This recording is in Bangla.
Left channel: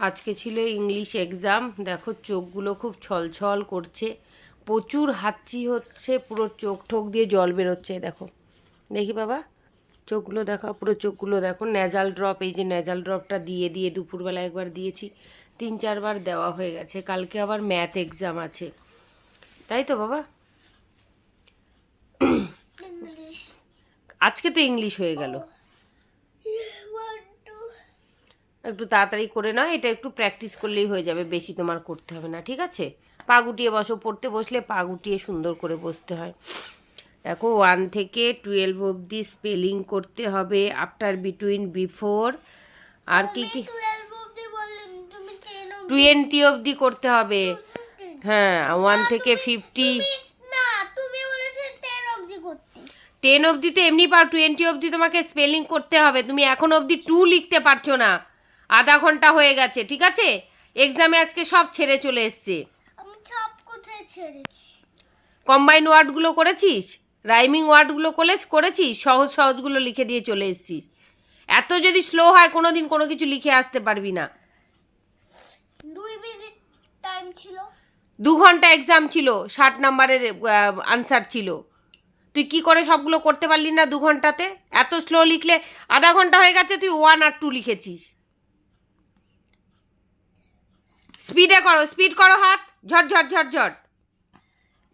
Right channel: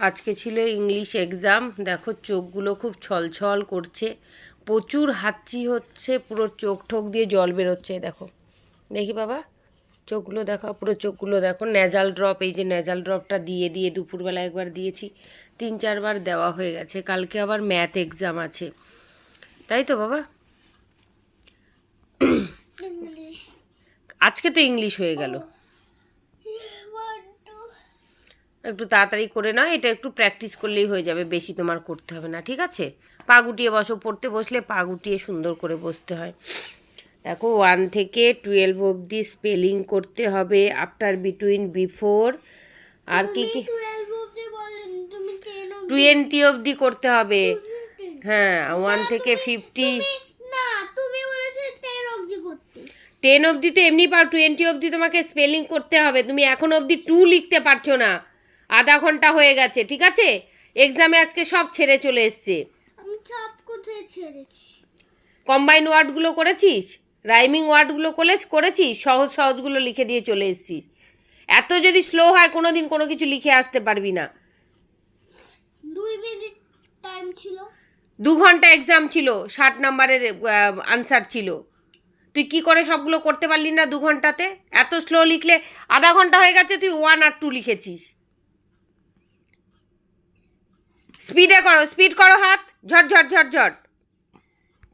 আজকে ছিল ইংলিশ এক্সাম। দেখো চোখগুলো খুব ছলছল করছে। প্রচুর হাঁচি হচ্ছে পুরো চোখ ঠোক দিয়ে জল বেরোচ্ছে দেখো। দেখি বাবা চোখগুলো দেখো পুরো চোখগুলো দেখো। নেজাল ড্রপ এই যে নেজাল ড্রপটা দিয়ে দিয়ে দুপুরবেলা একবার দিয়েছি। তিন চারবার দেওয়া হয়ে গেছে। কালকে আবার ম্যাথ এক্সাম আছে। তাই তো বাবা? আজকে তো ইংলিশ হয়ে গেল। একটু তাড়াতাড়ি করে নাও এটা একটু প্র্যাকটিস করলেই হয়ে যাবে বেশি তোমার করতে হবে না ঠিক আছে? পা গুটিয়ে বসো পড়তে বসলে পা গুটিয়ে সুন্দর করে বসতে হয়। দেখো ওয়ান থেকে টুয়েলভ অবধি স্পেলিং করতে হবে আফটার বিটুইন বিফোর আর কি কি? টোয়েন্টি অবধি করতে হবে। হ্যাঁ ওয়ান থেকে ফিফটি টেন অবধি তো এমনি পাও টোয়েন্টি অবধি তোমাকে স্পেলিং করতে হবে তুমি এখন অবধি টু লিখতে পারছ না। আধা ঘণ্টা হয়ে গেছে ঠিক আছে? এক্সামে আজকে সব ছেড়ে চলে এসছে। আমি সব কোথায় ছেড়েছি? কম্বাইন ওয়ার্ডগুলো করেছিস? রাইমিং ওয়ার্ডগুলো করে করেছিস? সহজ সহজগুলো লিখে দিয়ে চলে এসছিস। এত যদি স্লো হয় কোনো দিন কোনো কিছু লিখে আসতে পারবি না। দুই মিনিট টাইম ছিল। দু ঘণ্টা এক্সাম ছিল ষাট নাম্বারের আনসার ছিল। তুই কি করে সবগুলো করতে পারলি না দু ঘন্টাতে? এত স্লো লিখলে আধা ঘণ্টা হয়ে গেছে তুই ওয়ান আর টু লিখেছিস। স্পিডে করো স্পিড করো হাত ঝট ঝট ঝট ঝট।